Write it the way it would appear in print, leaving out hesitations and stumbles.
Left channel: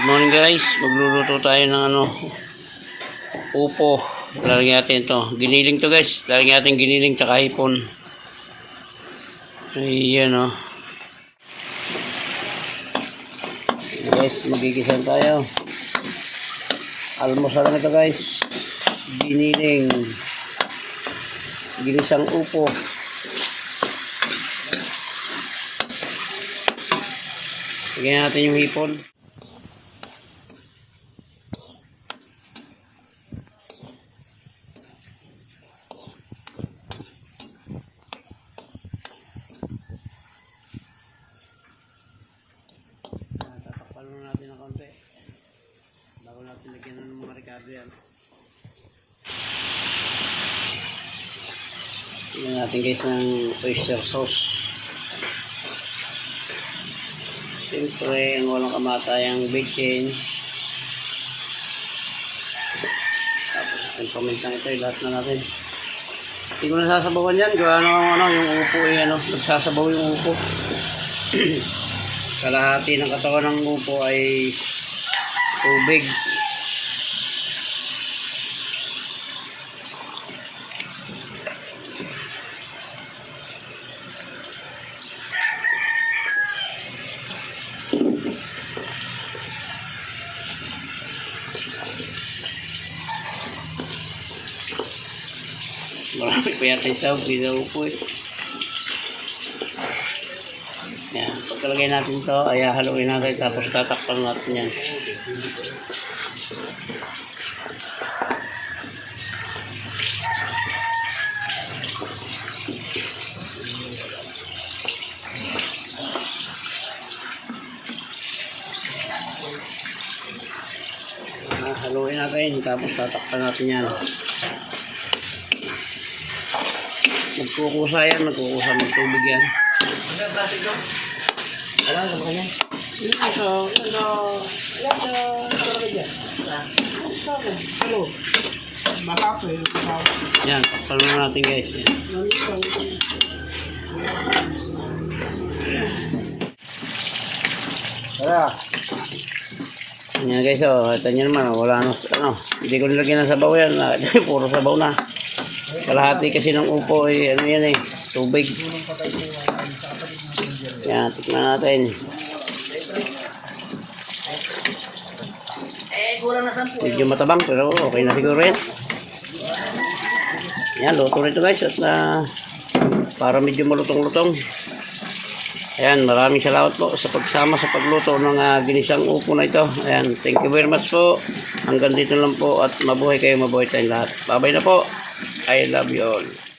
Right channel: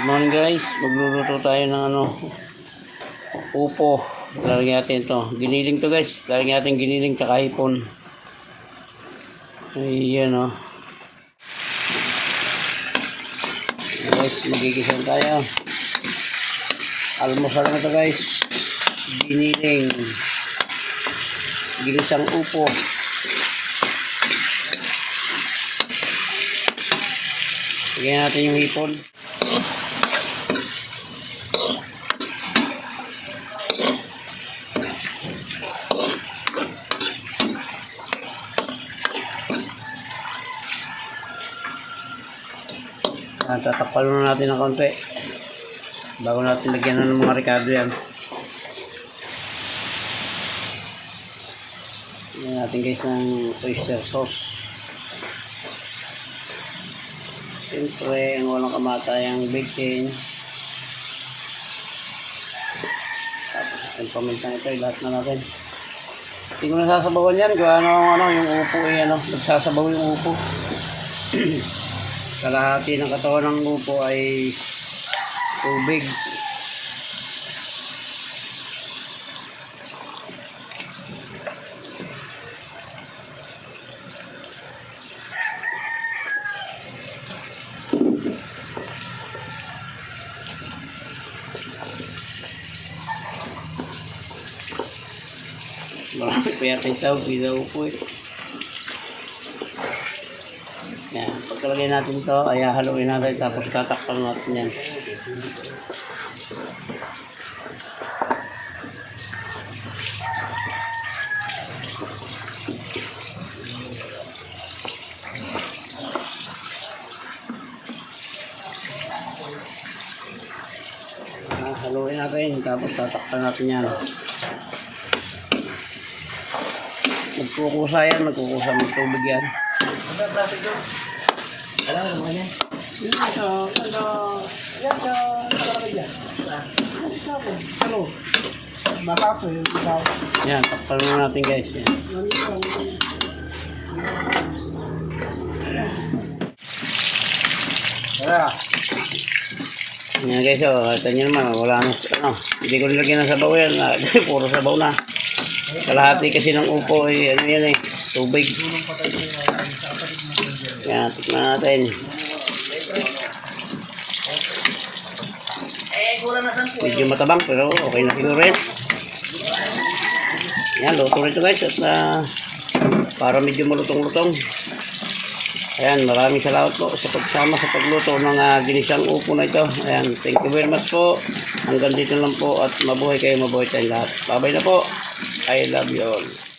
Good morning guys, magluluto tayo ng upo. Lalagyan natin ito, giniling to guys. Lalagyan natin giniling tsaka hipon. Ayan o. Guys, magigisan tayo. Almusal lang ito guys. Giniling, ginisang upo. Lagyan natin yung hipon. Tatakpan muna natin ng konti bago natin lagyan ng mga ricado yan. Lagyan natin guys ng oyster sauce. Siyempre, walang kamatayang bacon. Ang pamintang ito, lahat na natin. Hindi mo nasasabawan yan. Gawa yung upo nagsasabaw yung upo. Kalahati ng katawan ng upo ay tubig. Marami pa yata yung tawag, hindi na upo eh. Yan, pagkalagay natin ito, ay haluin natin tapos tatakpan natin yan. Haluin natin tapos tatakpan natin yan. Nagkukusa yan, nagkukusa ng tubig yan. Yan, takpan mo natin guys. Yan guys, ito nyo naman, wala hindi ko nilagyan ng sabaw yan, puro sabaw na. Kalahati kasi ng upo ay yan tubig. Yan, tikman natin. Medyo matabang pero okay na siguro yan. Yan, luto rito guys at para medyo malutong-lutong. Ayan, maraming salamat po sa pagsama sa pagluto ng ginisang upo na ito. Ayan, thank you very much po. Hanggang dito lang po at mabuhay kayo, mabuhay tayong lahat. Bye-bye na po. I love you all.